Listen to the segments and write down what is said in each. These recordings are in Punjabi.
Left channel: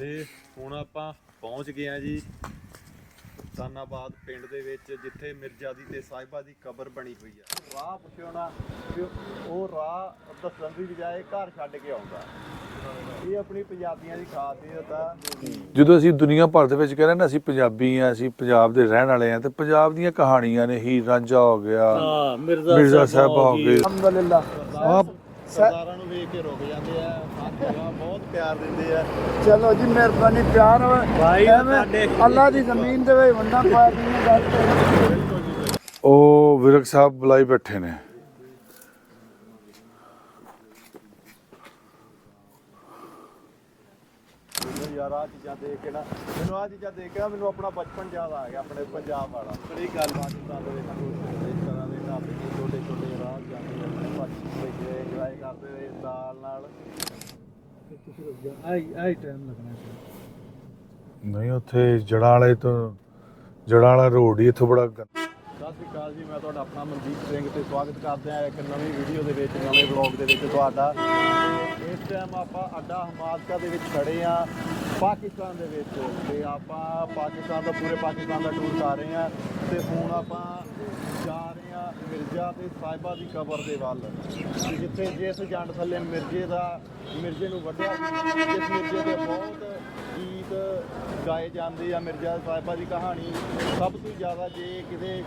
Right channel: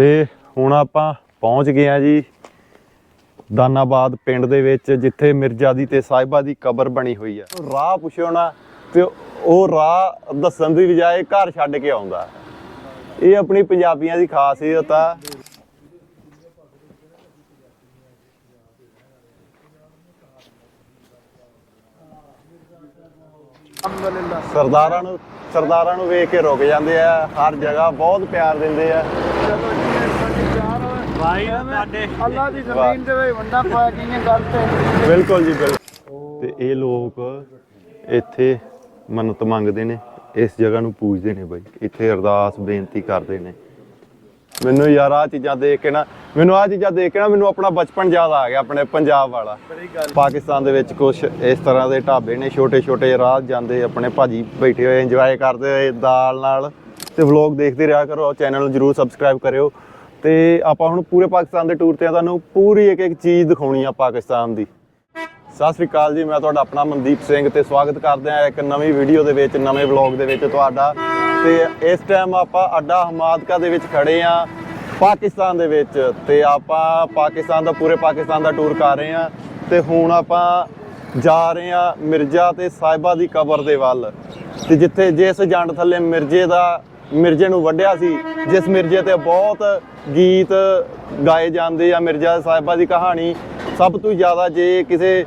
ਤੇ ਹੁਣ ਆਪਾਂ ਪਹੁੰਚ ਗਏ ਆ ਜੀ ਦਾਨਾਬਾਦ ਪਿੰਡ ਦੇ ਵਿੱਚ ਜਿੱਥੇ ਮਿਰਜ਼ਾ ਦੀ ਤੇ ਸਾਹਿਬਾ ਦੀ ਕਬਰ ਬਣੀ ਹੋਈ ਆ। ਰਾਹ ਪੁੱਛੋ ਨਾ ਤੇ ਉਹ ਰਾਹ ਦੱਸਣ ਦੀ ਬਜਾਏ ਘਰ ਛੱਡ ਕੇ ਆਉਂਦਾ। ਇਹ ਆਪਣੀ ਪੰਜਾਬੀਆਂ ਦੀ ਖਾਸੀਅਤ ਆ। ਜਦੋਂ ਅਸੀਂ ਦੁਨੀਆ ਭਰ ਦੇ ਵਿੱਚ ਕਹਿੰਦੇ ਨਾ ਅਸੀਂ ਪੰਜਾਬੀ ਆ ਅਸੀਂ ਪੰਜਾਬ ਦੇ ਰਹਿਣ ਵਾਲੇ ਆ ਤੇ ਪੰਜਾਬ ਦੀਆਂ ਕਹਾਣੀਆਂ ਨੇ ਹੀਰ ਰਾਂਝਾ ਹੋ ਗਿਆ ਹਾਂ ਮਿਰਜ਼ਾ ਸਾਹਿਬ ਹੋ ਗਏ। ਅਲਹਮਦੁਲਿਲਾ ਸਰਦਾਰਾਂ ਨੂੰ ਸਰਦਾਰਾਂ ਨੂੰ ਵੇਖ ਕੇ ਰੁਕ ਜਾਂਦੇ ਆ ਹਰ ਜਗ੍ਹਾ ਬਹੁਤ ਪਿਆਰ ਦਿੰਦੇ ਆ। ਚਲੋ ਜੀ ਮਿਹਰਬਾਨੀ ਪਿਆਰ ਭਾਈ ਸਾਡੇ ਅੱਲਾ ਦੀ ਜ਼ਮੀਨ ਦੇ ਵਿੱਚ ਬੰਦਾ ਪਾ ਗਈਆਂ ਗੱਲ ਤੇ ਬਿਲਕੁਲ ਜੀ ਬਿਲਕੁਲ। ਉਹ ਵਿਰਕ ਸਾਹਿਬ ਬੁਲਾਈ ਬੈਠੇ ਨੇ। ਇੱਥੇ ਮੰਨਤ ਮੰਗਦੇ ਨੇ ਇਸ ਜਗ੍ਹਾ ਨੂੰ ਪੂਜਦੇ ਨੇ ਬਾਈ। ਇੱਥੇ ਅਰਦਾਸ ਬੇਨਤੀ ਕਰਦੇ ਨੇ। ਮੈਨੂੰ ਯਾਰ ਆ ਚੀਜ਼ਾਂ ਦੇਖ ਕੇ ਨਾ ਮੈਨੂੰ ਆ ਚੀਜ਼ਾਂ ਦੇਖ ਕੇ ਨਾ ਮੈਨੂੰ ਆਪਣਾ ਬਚਪਨ ਯਾਦ ਆ ਗਿਆ ਆਪਣੇ ਪੰਜਾਬ ਵਾਲਾ। ਪਾਕਿਸਤਾਨ ਦੇ ਵਿੱਚ ਕੁਝ ਇਸ ਤਰ੍ਹਾਂ ਦੇ ਢਾਬੇ ਨੇ ਛੋਟੇ ਛੋਟੇ ਰਾਹ ਜਾਂਦੇ ਆਪਣੇ ਭਾਜੀ ਬੈਠੇ ਹੋਏ ਇੰਜੋਏ ਕਰਦੇ ਹੋਏ ਦਾਲ ਨਾਲ। ਤੇ ਵਲੌਗ ਦੇਖਦੇ ਰਿਹਾ ਕਰੋ ਚੈਨਲ ਨੂੰ ਜਰੂਰ ਸਬਸਕ੍ਰਾਈਬ ਕਰਿਓ। ਤੇ ਆਪਾਂ ਹੁਣ ਪੂਰੇ ਪਾਕਿਸਤਾਨ ਦੇ ਟੂਰ ਤੇ ਆ ਤੁਹਾਨੂੰ ਪੂਰੀ ਇੱਕ ਇੱਕ ਚੀਜ਼ ਦਿਖਾਉਣੀ ਆ ਪਾਕਿਸਤਾਨ ਦੀ। ਸਤਿ ਸ੍ਰੀ ਅਕਾਲ ਜੀ ਮੈਂ ਤੁਹਾਡਾ ਆਪਣਾ ਮਨਦੀਪ ਸਿੰਘ ਤੇ ਸਵਾਗਤ ਕਰਦੇ ਹਾਂ ਇੱਕ ਨਵੀਂ ਵੀਡੀਓ ਦੇ ਵਿੱਚ ਨਵੇਂ ਵਲੌਗ ਦੇ ਵਿੱਚ ਤੁਹਾਡਾ। ਤੇ ਇਸ ਟਾਈਮ ਆਪਾਂ ਅੱਡਾ ਹਮਾਦਕਾ ਦੇ ਵਿੱਚ ਖੜੇ ਆ ਪਾਕਿਸਤਾਨ ਦੇ ਵਿੱਚ। ਤੇ ਆਪਾਂ ਪਾਕਿਸਤਾਨ ਦਾ, ਪੂਰੇ ਪਾਕਿਸਤਾਨ ਦਾ ਟੂਰ ਕਰ ਰਹੇ ਆ ਤੇ ਹੁਣ ਆਪਾਂ ਜਾ ਰਹੇ ਆ ਮਿਰਜ਼ਾ ਤੇ ਸਾਹਿਬਾ ਦੀ ਕਬਰ ਦੇ ਵੱਲ। ਤੇ ਜਿੱਥੇ ਜਿਸ ਜੰਡ ਥੱਲੇ ਮਿਰਜ਼ੇ ਦਾ, ਮਿਰਜ਼ੇ ਨੂੰ ਵੱਢਿਆ ਸੀ, ਜਿਸ ਮਿਰਜ਼ੇ ਤੇ ਬਹੁਤ ਗੀਤ ਗਾਏ ਜਾਂਦੇ ਆ ਮਿਰਜ਼ਾ ਸਾਹਿਬਾ ਦੀ ਕਹਾਣੀ। ਸਭ ਤੋਂ ਜ਼ਿਆਦਾ ਜੇ ਕਿਸੇ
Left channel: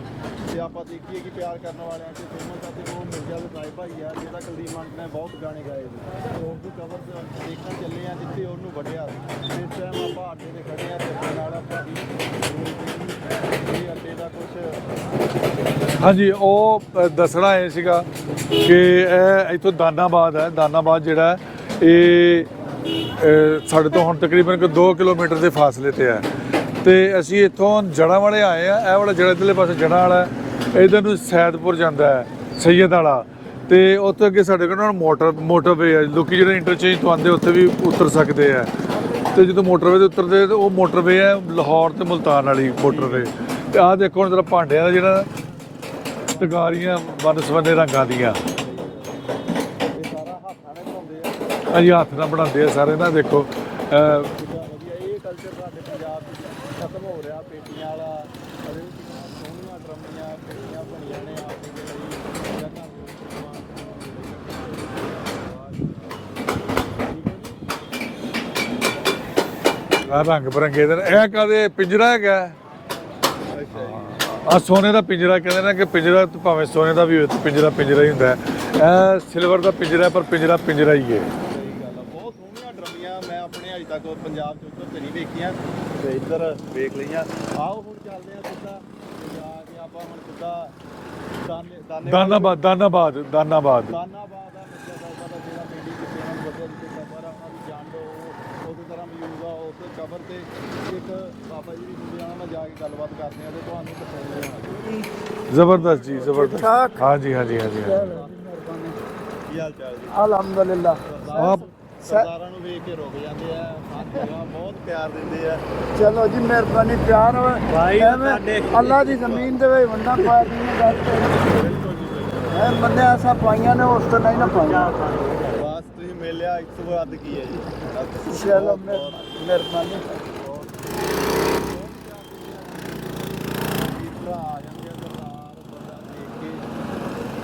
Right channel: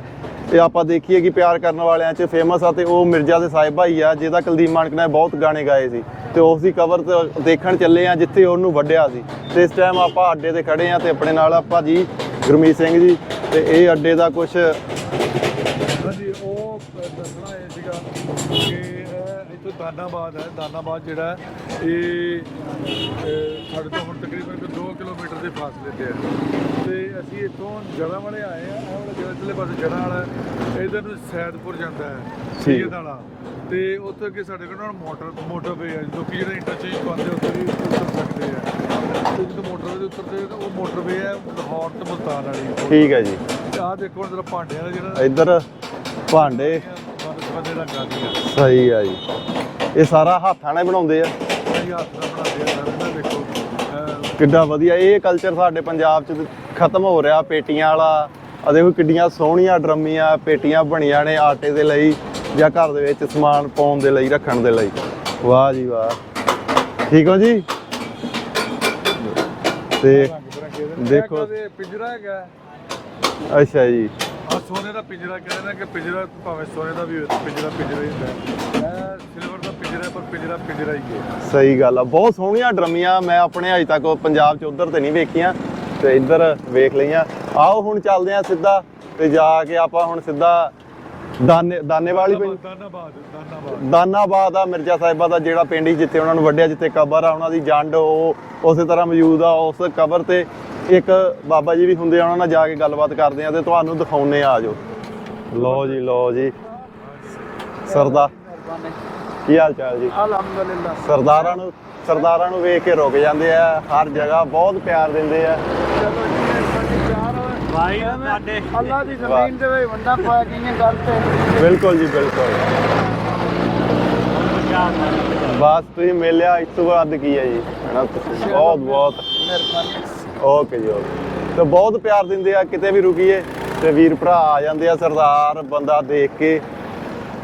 ਤੇ ਆਪਾਂ ਦੇਖੀਏ ਕਿ ਪਿਆਰ ਕਰਨ ਵਾਲਿਆਂ 'ਚ ਫੇਮਸ ਆ ਤੇ ਉਹ ਮਿਰਜ਼ਾ ਦੇ ਸਾਹਿਬ ਭਾਈ ਆ, ਜਿਹਦਾ ਕੁਲਦੀਪ ਮਾਨਕ ਨੇ ਬਹੁਤ ਗਾਣੇ ਗਾਏ ਸੀ। ਤੇ ਉਸ ਦੀ ਕਵਰ ਦੇਖਣ ਚੱਲੇ ਆ ਜਿੱਥੇ ਉਹਨੂੰ ਵੱਢਿਆ ਸੀ। ਤੇ ਇਸ ਟਾਈਮ ਆਪਾਂ ਅੱਡੇ ਤੇ ਖੜੇ ਆ ਤੇ ਆਪਣੇ ਨਾਲ ਆ ਭਾਜੀ ਗੁਰਮੀਤ ਸਿੰਘ ਜੀ, ਤੇ ਇਹ ਅੱਡੇ ਦਾ ਕੁਝ ਹਾਂਜੀ, ਉਹ ਦੱਸਣਾ ਇਹ ਸੀਗਾ ਕਿ ਇਹ ਇੱਥੋਂ ਦਾਨਾਬਾਦ ਹੈ। ਦਾਨਾਬਾਦ ਜਿਹੜਾ ਇਹ ਸਾਡੇ ਤੋਂ ਹੁਣ ਤਕਰੀਬਨ ਕੋਈ 2 ਕਿਲੋਮੀਟਰ ਦੇ ਫਾਸਲੇ ਤੇ ਹੈ। ਤੇ ਅਸੀਂ ਇੱਥੋਂ ਜੜਾਂ ਵਾਲੇ ਆਏ ਆ ਇਹ ਵਾਲਾ ਜੜਾ ਇਧਰਲੇ ਪਾਸੇ ਜੜਾਂ ਵਾਲਾ ਇਧਰ ਨੂੰ ਸੈਦਪੁਰ ਜਾਂਦਾ ਹੈ ਸੈਯਦ ਵਾਲਾ। ਤੇ ਉੱਥੇ ਅੱਗੇ ਸਾਡੇ ਕੋਲ ਮੋਟਰ ਮੋਟਰਵੇ ਹੈ ਲੋਕੀ ਜਿਹੜੇ ਇੰਟਰਚੇਂਜ ਤੋਂ ਆਉਂਦੇ ਉੱਥੇ ਵੀ ਉਤਰ ਸਕਦੇ ਆ। ਤੇ ਜਦੋਂ ਮੋਟਰਵੇ ਤੇ ਉਤਰਦੇ ਤੇ ਉਹ ਮੋਟਰਵੇ ਹੈ ਲਾਹੌਰ ਤੇ ਮੁਲਤਾਨ ਵਾਲੀ ਠੀਕ ਹੈ ਜੀ। ਤੇ ਆਹ ਦੇਖੋ ਹੁਣ ਜਰਾ ਭਾਂਡਿਆਂ ਦਾ ਜਿਹੜਾ ਇੱਧਰ ਭਾਂਡੇ ਭਾਂਡੇ ਬਨਸਬੰਦੇ ਰੰਗਾਂ ਦੀਆਂ। ਸਹੀ ਆ ਜੀ। ਇਹ ਸਾਰਾ ਹੱਥਾਂ ਨਾਲ ਬਣਾਉਂਦੇ ਆ। ਅਸੀਂ ਹੱਥ ਨਾਲ ਬਣਾਉਂਦੇ ਆ ਸਾਰੇ ਨਾ ਦੇਖੋ ਕਿੱਡਾ ਵਧੀਆ। ਇਹ ਕਲਚਰ ਸਾਡੇ ਪੰਜਾਬ 'ਚ ਖਤਮ ਹੋ ਰਿਹਾ ਪੇਟੀਆਂ ਵਾਲਾ। ਆ ਦੇਖੋ ਕਿੱਡੀਆਂ ਸੋਹਣੀਆਂ ਡਰਮੀਆਂ ਪੇਟੀਆਂ ਬਣੀਆਂ ਨੇ ਆਟੇ ਦੇ ਲਈ ਜਾਂ ਘਰ ਦੇ ਵਿੱਚ ਸਮਾਨ ਪਾਉਣ ਦੇ ਲਈ ਰੱਖਣ ਦੇ ਲਈ। ਵਾਹ ਜੀ ਵਾਹ। ਠੀਕ ਹੋ ਜੀ? ਤੇ ਰੰਗ ਬਰੰਗੇ ਦੇ। ਇਹ ਕਦੇ ਪਿੰਜਰਾ ਹੈਗਾ। ਅੱਛਾ ਜੀ। ਆ ਸੋਨੇ ਦਾ ਪਿੰਜਰਾ ਕਹਿੰਦੇ ਨੇ ਕਿ ਪਿੰਜਰਾ ਭਾਵੇਂ ਸੋਨੇ ਦਾ ਵੀ ਪਿੰਜਰਾ ਪਿੰਜਰਾ ਹੀ ਹੁੰਦਾ ਹੈ। ਇਹ ਸਿਲਵਰ ਦਾ ਪਿੰਜਰਾ ਪਰ ਪਿੰਜਰਾ ਪਿੰਜਰਾ ਹੀ ਹੈ। ਸਹੀ ਗੱਲ ਆ ਬਹੁਤ ਸੋਹਣੀਆਂ ਡਰਮੀਆਂ ਮੈਂ ਆਪਣੇ ਅਜੇ ਤੱਕ ਪੰਜਾਬ 'ਚ ਉਧਰ ਤੇ ਨਹੀਂ ਵੇਖੀਆਂ ਤੇ ਇੱਧਰ ਵੇਖ ਲਈਆਂ। ਆਓ ਹੁਣ ਚੱਲਦੇ ਆ ਸਿੱਧਾ ਤੇ ਜਾ ਕੇ ਆਪਾਂ ਹੁਣ ਸਿੱਧਾ ਦਾਨੇ ਦਾਨੇ ਵਾਲੀ ਦਾਨਾਬਾਦ ਦਾਨਾਬਾਦ ਦਾਨਾਬਾਦ। ਦਾਨਾਬਾਦ ਆ ਮਿਰਜ਼ਾ ਸਾਹਿਬਾ ਦਾ ਜਿਹੜਾ ਪਿੰਡ ਸੀ ਜਿੱਥੇ ਉਹਨਾਂ ਨੂੰ ਵੱਢਿਆ ਜਿੱਥੇ ਕਬਰ ਆ ਉਹਨਾਂ ਦੀ ਜੰਡ ਉਹ ਉਸੇ ਤਰ੍ਹਾਂ ਮੌਜੂਦ ਆ ਉਸ ਕਬਰ ਤੇ ਇੱਕ ਬਾਬਾ ਜੀ ਵੀ ਹੁੰਦੇ ਆ ਉਹਨਾਂ ਨਾਲ ਜਾ ਕੇ ਗੱਲਬਾਤ ਕਰਦੇ ਆ ਤੇ ਤੁਹਾਨੂੰ ਦਿਖਾਉਨੇ ਆ ਆਜੋ ਜ਼ਬਰਦਸਤ ਜੀ, ਲਓ ਜੀ। ਜ਼ਬਰਦਸਤ। ਹਾਂਜੀ ਹਾਂਜੀ ਹਾਂਜੀ ਸਰਦਾ ਕੀ ਹਾਲ ਚਾਲ ਜੀ? ਅਲਹਮਦੁਲਿਲਾ। ਸਰਦਾਰਾਂ ਨੂੰ ਸਰਦਾਰਾਂ ਨੂੰ ਵੇਖ ਕੇ ਰੁਕ ਜਾਂਦੇ ਆ ਹਰ ਜਗ੍ਹਾ ਬਹੁਤ ਪਿਆਰ ਦਿੰਦੇ ਆ। ਚਲੋ ਜੀ ਮਿਹਰਬਾਨੀ ਪਿਆਰ ਭਾਈ ਸਾਡੇ ਅੱਲਾ ਦੀ ਜ਼ਮੀਨ ਦੇ ਵਿੱਚ ਬੰਦਾ ਪਾ ਗਈਆਂ ਗੱਲ ਤੇ ਬਿਲਕੁਲ ਜੀ ਬਿਲਕੁਲ। ਬੰਦਾ ਐਸਾ ਪਾਈਆਂ ਨੇ ਉਸ ਤੋਂ ਨਹੀਂ ਨਾ ਬਸ ਤੁਸੀਂ ਮਿਲਿਆ ਇਸ ਤੋਂ ਬਾਅਦ ਕੀ ਹੈ ਜੀ? ਹਨਾ? ਬਹੁਤ ਬਹੁਤ। ਮਿਹਰਬਾਨੀ। ਓਕੇ ਜੀ ਓਕੇ। ਤੇ ਬਹੁਤ ਪਿਆਰ ਦਿੰਦੇ ਆ ਕਿਤੇ ਵੀ ਰੁਕੀਏ ਤੇ ਵੀਰ ਭਰਾ ਆ ਜਾਂਦੇ ਆ ਸਰਦਾਰ ਬੰਦਾ ਦੇਖ ਕੇ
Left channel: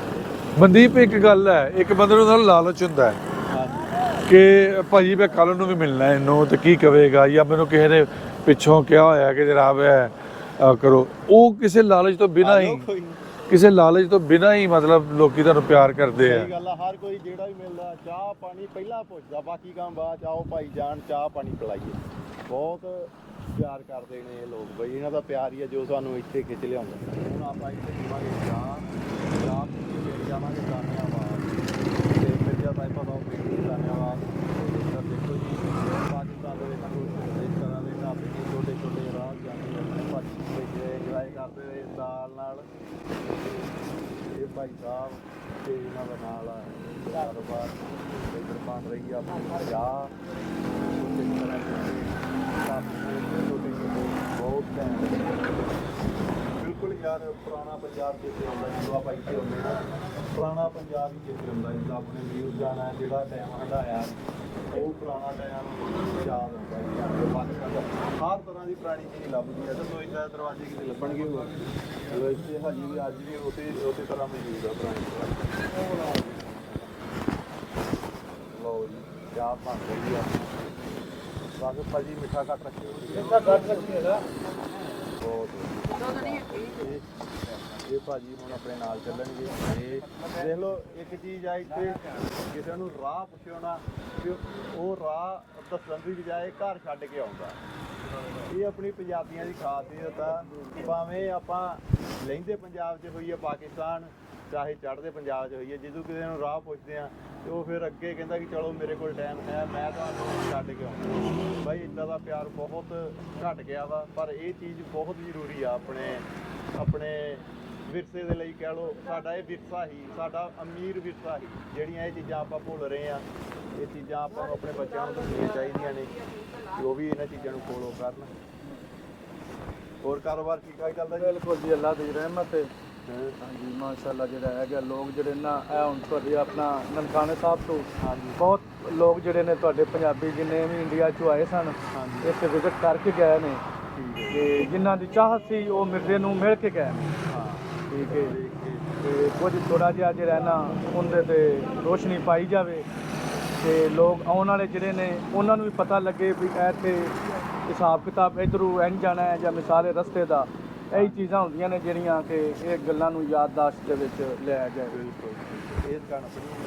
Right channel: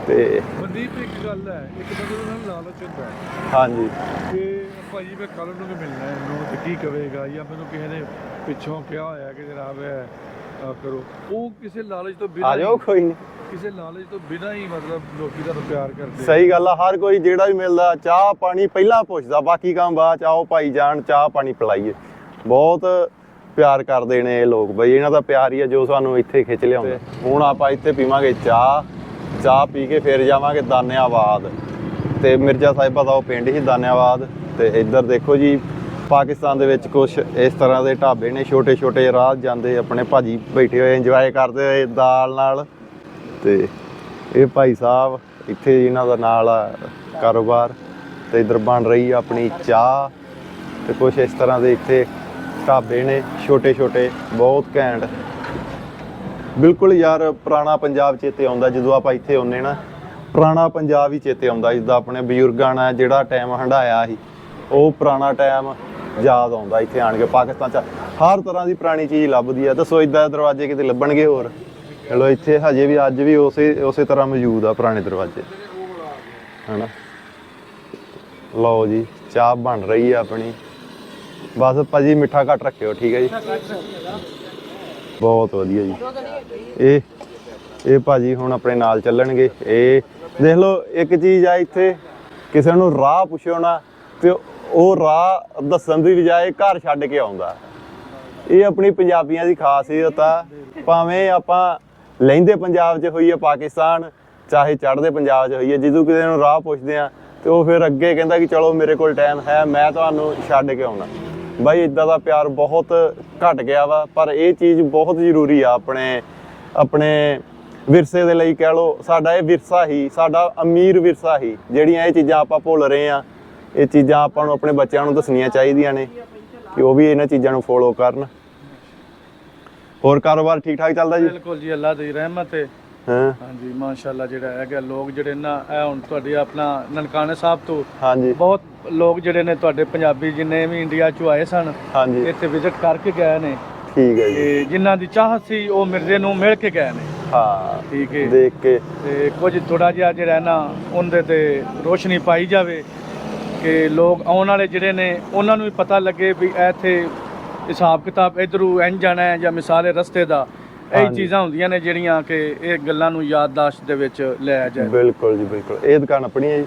ਤੇ ਮਨਦੀਪ ਇੱਕ ਗੱਲ ਹੈ ਇੱਕ ਬੰਦੇ ਨੂੰ ਨਾਲ ਲਾਲਚ ਹੁੰਦਾ ਹੈ ਹਾਂਜੀ। ਕਿ ਭਾਜੀ ਮੈਂ ਕੱਲ ਨੂੰ ਵੀ ਮਿਲਣਾ ਹੈ ਇਹਨੂੰ ਤੇ ਕੀ ਕਵੇਗਾ? ਜਾਂ ਮੈਨੂੰ ਕਿਸੇ ਨੇ ਪਿੱਛੋਂ ਕਿਹਾ ਹੋਇਆ ਕਿ ਜਨਾਬ ਇਹ ਕਰੋ। ਉਹ ਕਿਸੇ ਲਾਲਚ ਤੋਂ ਬਿਨਾਂ ਆ ਹੀ ਕੋਈ ਨਹੀਂ ਕਿਸੇ ਲਾਲਚ ਤੋਂ ਬਿਨਾਂ ਹੀ ਮਤਲਬ ਲੋਕੀ ਤੁਹਾਨੂੰ ਪਿਆਰ ਕਰਦੇ ਆ। ਸਹੀ ਗੱਲ ਆ ਹਰ ਕੋਈ ਜਿਹੜਾ ਵੀ ਮਿਲਦਾ ਚਾਹ ਪਾਣੀ ਪਹਿਲਾਂ ਪੁੱਛਦਾ ਬਾਕੀ ਕੰਮ ਬਾਅਦ ਚ ਆਓ ਭਾਈ ਜਾਨ ਚਾਹ ਪਾਣੀ ਪਿਲਾਈਏ। ਬਹੁਤ ਪਿਆਰ ਕਰਦੇ ਨੇ ਇਹ ਲੋਕ ਬਈ ਇਹਨਾਂ ਦਾ ਪਿਆਰ ਹੀ ਆ ਜੋ ਸਾਨੂੰ ਇੱਥੇ ਖਿੱਚ ਲਿਆਉਂਦਾ। ਹੁਣ ਆਪਾਂ ਇੱਥੇ ਪੀਵਾਂਗੇ ਚਾਹ ਚਾਹ ਪੀ ਕੇ ਫਿਰ ਜਾਵਾਂਗੇ ਦਾਨਿਆਬਾਦ ਤੇ ਮਿਰਜ਼ਾ ਸਾਹਿਬਾ ਦਾ ਉਹ ਪਿੰਡ ਹੀ ਦਾਨਿਆਬਾਦ ਤੇ ਇੱਧਰ ਦੇਖੋ ਜੀ ਪਾਕਿਸਤਾਨ ਦੇ ਵਿੱਚ ਕੁਝ ਇਸ ਤਰ੍ਹਾਂ ਦੇ ਢਾਬੇ ਨੇ ਛੋਟੇ ਛੋਟੇ ਰਾਹ ਜਾਂਦੇ ਆਪਣੇ ਭਾਜੀ ਬੈਠੇ ਹੋਏ ਇੰਜੋਏ ਕਰਦੇ ਹੋਏ ਦਾਲ ਨਾਲ ਤੇ ਇਹ ਭਾਈ ਸਾਹਿਬ ਇੱਥੇ ਇਹਨਾਂ ਦਾ ਨਾਲ ਆ ਕਾਰੋਬਾਰ ਤੇ ਇਧਰ ਬਣ ਰਹੀ ਆ ਆਪਣੀ ਚਾਹ ਤੇ ਕੁਝ ਇਸ ਤਰ੍ਹਾਂ ਦੇ ਇੱਥੇ ਢਾਬੇ ਨੇ ਛੋਟੇ ਛੋਟੇ ਬਹੁਤ ਘੈਂਟ। ਬਿਲਕੁਲ ਯਾਰ ਪੁਰਾਣਾ ਪੰਜਾਬ ਚੇਤੇ ਆਉਂਦਾ, ਜਦੋਂ ਆਪਾਂ ਇੱਥੇ ਆਉਂਦੇ ਨਾ, ਪੁਰਾਣਾ ਪੰਜਾਬ ਹੀ ਚੇਤੇ ਆਉਂਦਾ, ਜਿੱਦਾਂ ਆਪਣੇ ਬਜ਼ੁਰਗਾਂ ਨੇ ਜਿਹੜਾ ਟਾਈਮ ਹੰਡਾਇਆ ਸੀ, ਉਹ ਪੁਰਾਣਾ ਟਾਈਮ ਯਾਦ ਆਉਂਦਾ ਇੱਥੇ ਆਣ ਕੇ, ਪਾਕਿਸਤਾਨ ਚ ਹਰ ਤਰ੍ਹਾਂ ਦੀ ਪੁਰਾਣੀ ਚੀਜ਼ ਲੱਭਦੀ ਆ। ਦੱਸੋ, ਇਦਾਂ ਦੇ ਦਰਵਾਜ਼ੇ ਕਿਤੇ ਲੱਭਣਗੇ ਹੋਰ? ਚਲੋ ਇੱਥੇ ਹਜੇ ਵੀ ਅੱਜ ਵੀ ਉਸੇ ਉਸੇ ਤਰ੍ਹਾਂ ਮੌਜੂਦ ਆ ਪੁਰਾਣੇ ਦਰਵਾਜ਼ੇ। ਹਨਾ? ਲਓ ਜੀ, ਚਾਹ ਬਣ ਰਹੀ ਆ ਆਪਣੀ। ਬਸ ਭਾਜੀ ਮਿੱਠਾ ਘੱਟ ਰੱਖਿਓ, ਠੀਕ ਹੈ ਜੀ? ਬਹੁਤ ਵਧੀਆ ਜੀ। ਇਹ ਇਹ ਭਾਜੀ ਹੁਣ ਆਪਣੇ ਨਾਲ ਚੱਲਣਗੇ। ਇਹ ਦੇਖ ਲਓ, ਇੱਕ ਚੀਜ਼ ਆ ਇੱਥੇ, ਕਿਸੇ ਨੂੰ ਰਾਹ ਪੁੱਛੋ ਨਾ, ਤੇ ਉਹ ਰਾਹ ਦੱਸਣ ਦੀ ਬਜਾਏ ਘਰ ਛੱਡ ਕੇ ਆਉਂਦਾ। ਇਹ ਆਪਣੀ ਪੰਜਾਬੀਆਂ ਦੀ ਖਾਸੀਅਤ ਆ। ਭਾਵੇਂ ਆਪਾਂ ਲਹਿੰਦੇ ਪੰਜਾਬ 'ਚ ਹੋਈਏ ਪਾਕਿਸਤਾਨ, ਚਾਹੇ ਚੜ੍ਹਦੇ ਪੰਜਾਬ 'ਚ ਹੋਈਏ ਜਦੋਂ ਕਿਸੇ ਨੂੰ ਰਾਹ ਪੁੱਛਦੇ ਆ, ਤੇ ਉਹ ਫਿਰ ਅੱਗੇ ਕਹਿੰਦਾ ਕਿ ਚਲੋ ਮੇਰੇ ਕੋਲ ਟਾਈਮ ਹੈ, ਮੈਂ ਤੁਹਾਨੂੰ ਛੱਡ ਕੇ ਆਉਣਾ। ਬਾਈ ਇਦਾਂ ਦਾ ਪਿਆਰ ਬਹੁਤ ਘਟ ਗਿਆ ਵਾ, ਪਰ ਇਹ ਚੀਜ਼ ਬਹੁਤ ਜ਼ਰੂਰੀ ਆ ਆਪਣੇ ਆਪਣੇ ਵਿਰਸੇ ਦੇ ਲਈ ਕਹਿ ਲਓ, ਸਾਡਾ ਇਹ ਵਿਰਸਾ ਹੀ, ਸਾਡਾ ਅਮੀਰ ਵਿਰਸਾ ਹੀ, ਜਿਹੜੀਆਂ ਇਹ ਚੀਜ਼ਾਂ ਆਪਾਂ ਭੁੱਲ ਰਹੇ ਆ, ਇਹ ਚੀਜ਼ਾਂ ਆਪਾਂ ਨੂੰ ਆਪਣੇ ਬੱਚਿਆਂ ਨੂੰ ਦੱਸਣੀਆਂ ਚਾਹੀਦੀਆਂ ਨੇ, ਕਿ ਉਹ ਵੀ ਇਹਨਾਂ ਚੀਜ਼ਾਂ ਨੂੰ ਫੋਲੋ ਕਰਨ। ਹੋਰ ਕਾਰੋਬਾਰ ਠੀਕ ਠਾਕ ਚੱਲਦਾ ਜੀ? ਬਿਲਕੁਲ ਜੀ ਅੱਲਾ ਦੀ ਰਹਿਮਤ ਹੈ ਹਾਂ? ਹਾਂਜੀ ਮਾਸ਼ਾਅੱਲਾ ਜਿਹੜਾ ਹੈਗਾ ਲੋਕ ਜਿਹੜੇ ਨਾ ਇਹ ਹੁਣ ਤੁਹਾਡੀ ਆਪਣਾ ਨਨਕਾਣੇ ਸਾਹਿਬ ਤੋਂ ਹਾਂਜੀ। ਬਹੁਤ ਲੋਕ ਜਿਹੜੇ ਨੇ ਤੁਹਾਡੇ ਪੰਜਾਬੀ ਜਿੰਨੇ ਵੀ ਇੰਡੀਆ ਚੋਂ ਆਏ ਸਨ ਹਾਂਜੀ। ਇੱਥੇ ਵਿਜ਼ਿਟ ਕਰਕੇ ਗਏ ਨੇ। ਠੀਕ ਹੈ ਜੀ। ਤੇ ਜਿਨ੍ਹਾਂ ਦੀ ਚਾਹਤ ਸੀ ਉਹ ਮਿਰਜ਼ੇ ਨੂੰ ਮਿਲ ਕੇ ਗਏ ਨੇ। ਹਾਂ ਠੀਕ ਹੈ ਦੇਖ ਕੇ। ਤੇ ਕੁਝ ਥੋੜਾ ਜਿਹਾ ਜਿਹੜਾ ਨਾ ਉਹਦੇ ਤੇ ਰੋਸ਼ਨੀ ਪਾਈ ਜਾਵੇ ਕਿ ਲੋਕ ਆਉਣ ਵਾਲੇ ਜਿਹੜੇ ਨੇ ਉਹਨਾਂ ਨੂੰ ਵੀ ਪਤਾ ਲੱਗੇ ਵੀ ਇੱਥੇ ਹਿਸਾਬ ਕਿਤਾਬ ਇਧਰੋਂ ਇੰਝ ਜਾਣਾ ਹੈ ਜਾਂ ਮਿਸਾਲੇ ਰਸਤੇ ਦਾ ਇਹ ਹਾਂਜੀ। ਚੀਜ਼ਾਂ ਹੁੰਦੀਆਂ ਨੇ ਜਿਹੜੀਆਂ ਕਿ ਇਹ ਗੱਲਾਂ ਨੂੰ ਯਾਦਦਾਸ਼ਤ ਦੇ ਵਿੱਚ ਲਿਆ ਜਾਏ। ਬਿਲਕੁਲ ਜੀ ਬਿਲਕੁਲ। ਇਹ ਦੁਕਾਨ ਆਪਣੀ ਹੈ ਜੀ।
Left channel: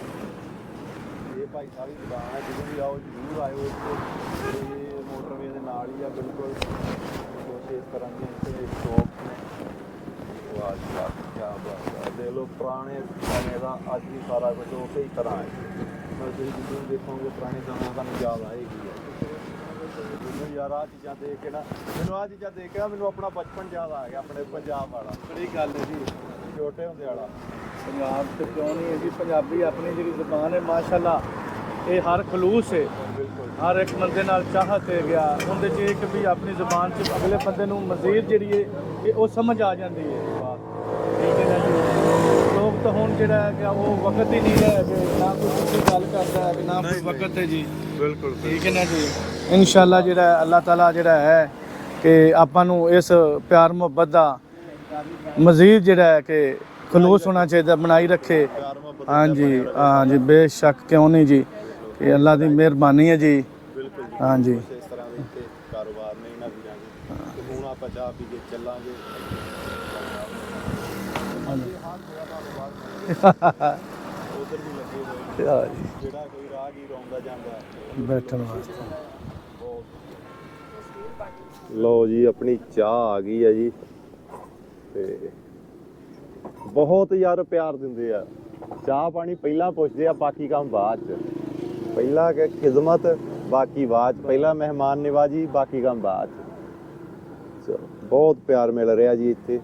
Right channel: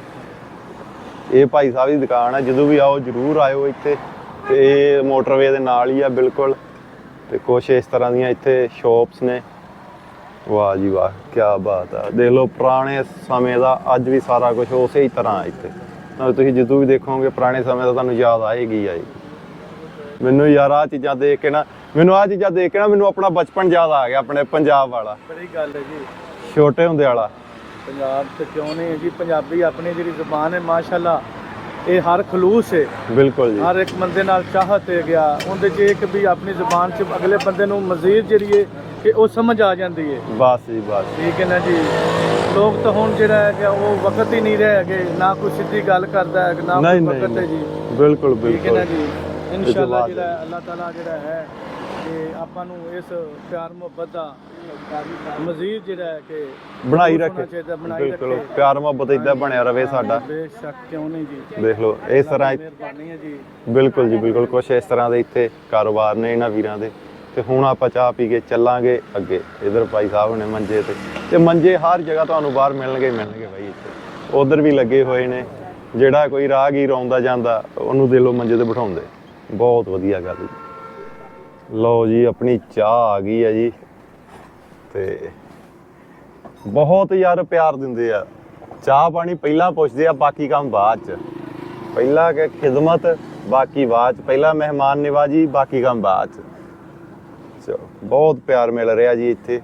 ਇਹ ਭਾਈ ਸਾਹਿਬ ਦੀ ਦੁਕਾਨ ਹੈ। ਜਦੋਂ ਵੀ ਆਓ ਜਰੂਰ ਆਇਓ ਇੱਥੇ। ਤੇ ਇਹ ਮੋਟਰਵੇ ਦੇ ਨਾਲ ਹੀ ਆ ਬਿਲਕੁਲ। ਤੇ ਕੁਛ ਇਸ ਤਰ੍ਹਾਂ ਦੀਆਂ ਇੱਥੇ ਸ਼ਾਪਸ ਨੇ। ਵਾਹ ਜੀ ਵਾਹ ਕੀ ਬਾਤ ਆ। ਦੇਖ ਲਓ ਪੁਰਾਣੇ ਸਮੇਂ ਦਾ ਅੱਜ ਵੀ ਸਾਰਾ ਕੁਝ ਉਸੇ ਹੀ ਤਰ੍ਹਾਂ ਇੱਥੇ। ਨਾਲ ਤੁਸੀਂ ਜਦੋਂ ਵੀ ਦੇਖੋਗੇ ਪੁਰਾਣੇ ਸਮੇਂ ਦਾ ਤੁਹਾਨੂੰ ਯਾਦ ਆਏਗੀ ਆ ਜੀ। ਮੈਨੂੰ ਯਾਰ ਆ ਚੀਜ਼ਾਂ ਦੇਖ ਕੇ ਨਾ ਮੈਨੂੰ ਆ ਚੀਜ਼ਾਂ ਦੇਖ ਕੇ ਨਾ ਮੈਨੂੰ ਆਪਣਾ ਬਚਪਨ ਯਾਦ ਆ ਗਿਆ ਆਪਣੇ ਪੰਜਾਬ ਵਾਲਾ। ਬੜੀ ਗੱਲ ਹੈ ਜੀ। ਛੋਟੇ ਹੁੰਦੇ ਵਾਲਾ। ਪੰਜਾਬ ਤੇ ਕਿਉਂ ਨਹੀਂ ਹੈ ਜੀ? ਪੰਜਾਬੀ ਆਪਣੀ ਜਿਹੜੀ ਜ਼ੁਬਾਨ ਹੈ ਮਾਸ਼ਾਅੱਲਾ ਇਹ ਹਰ ਖਲੂਸ ਹੈ। ਬਿਲਕੁਲ ਜੀ। ਹਰ ਇੱਕ ਬੰਦੇ ਨਾਲ ਚਾਹਤ ਹੈ ਗਿਆ। ਉਹਦੇ 'ਚ ਇੱਕ ਵੀ ਆਪਣੀ ਜ਼ੁਬਾਨ 'ਚ ਅਗਲੇ ਬੰਦੇ ਨੂੰ ਮਜ਼ੀਦ ਜਿਹੜੀ ਹੈ ਕਿ ਉਹ ਸਮਝ ਆ ਜਾਂਦੀ ਹੈ। ਬਸ ਜੀ ਬਸ। ਠੀਕ ਹੈ ਨਾ ਜੀ? ਲੋਕ ਤਾਂ ਹੁਣ ਜਿਹੜਾ ਹੈ ਕਿ ਉਹ ਵਕਤ ਹੀ ਨਹੀਂ ਰਹੇ ਹੈਗੇ ਨਾ ਕੋਈ ਸਿੱਧੀ ਗੱਲ ਕਰਦਾ ਹੈ ਨਾ ਕੋਈ ਨਹੀਂ ਵਕਤ ਹੈ ਜੀ। ਬਿਲਕੁਲ ਠੀਕ ਹੈ ਨਾ ਜੀ? ਇਨਸ਼ਾਅੱਲਾ ਜਿਹੜਾ ਅੱਲਾਹ ਤਾਲਾ ਜਿਹੜਾ ਹੈ ਕਿ ਆਪਾਂ ਨੂੰ ਇਸ ਪਿਆਰ ਮੁਹੱਬਤ ਦਾ ਮਜ਼ੀਦ ਜਿਹੜਾ ਹੈ ਕਿ ਬਣਾਈ ਬਣਾਈ ਰੱਖੇ। ਹੋਣਾ ਚਾਹੀਦਾ ਬਣਾਈ। ਰੱਖੇ। ਪਿਆਰ ਮੁਹੱਬਤ ਇਦਾਂ ਬਣਿਆ ਰਵੇ ਸਾਡਾ। ਬੇਸ਼ੱਕ ਕਿਉਂ ਨਹੀਂ ਜੀ? ਦੇਖ ਲਓ ਇਹ ਇਸ ਤਰ੍ਹਾਂ ਦੀ ਮਿਹਰਬਾਨੀ ਹੈ ਜੀ। ਬਿਲਕੁਲ ਜੀ ਬਿਲਕੁਲ। ਕੁਛ ਇਸ ਤਰ੍ਹਾਂ ਦੇ ਇੱਥੇ ਕਾਰੋਬਾਰ ਨੇ ਇਹਨਾਂ ਵੀਰਾਂ ਦੇ। ਤੇ ਹੁਣ ਆਪਾਂ ਚਾਹ ਪੀ ਕੇ ਚੱਲਾਂਗੇ ਅੱਗੇ। ਇਧਰ ਭਾਈ ਸਾਹਿਬ ਨੇ ਮੰਜੇ ਤੇ ਤੇ ਮੰਜੇ ਹਰ ਜਗ੍ਹਾ ਤੁਹਾਨੂੰ ਬਾਹਰ ਮਿਲਣਗੇ ਮਿਲਣਗੇ ਭਾਈ। ਉਧਰ ਵੀ ਲੱਗੇ ਹੋਏ ਨੇ। ਜਿਹੜਾ ਕੋਈ ਰਾਹਗੀਰ ਆਉਂਦਾ ਜਾਂਦਾ ਉਹਨੂੰ ਦੇ ਲੋ ਮੰਜੇ ਤੇ ਬਿਠਾਉਂਦੇ। ਬਹੁਤ ਵਧੀਆ ਗੱਲ ਜੀ। ਲਓ ਜੀ, ਆਪਣੀ ਚਾਹ ਆ ਗਈ ਹੈ ਜੀ। ਤੇ ਬਹੁਤ ਯਾਰ ਪਿਆਰ ਦਿੰਦੇ ਆ। ਚਾਹ ਪਾਣੀ ਪਹਿਲਾਂ ਪੁੱਛਦੇ ਆ, ਬਾਕੀ ਕੰਮ ਬਾਅਦ ਚ। ਪਹਿਲਾਂ ਕਿ ਖਿਦਮਤ, ਬਾਕੀ ਬਾਅਦ ਚ। ਪਹਿਲਾਂ ਮਹਿਮਾਨ ਨਿਵਾਜੀ ਬਾਕੀ ਕੰਮ ਬਾਅਦ ਚ। ਚਲੋ, ਬਹੁਤ ਪਿਆਰ ਮਿਲ ਰਿਹਾ ਜੀ ਇੱਥੇ।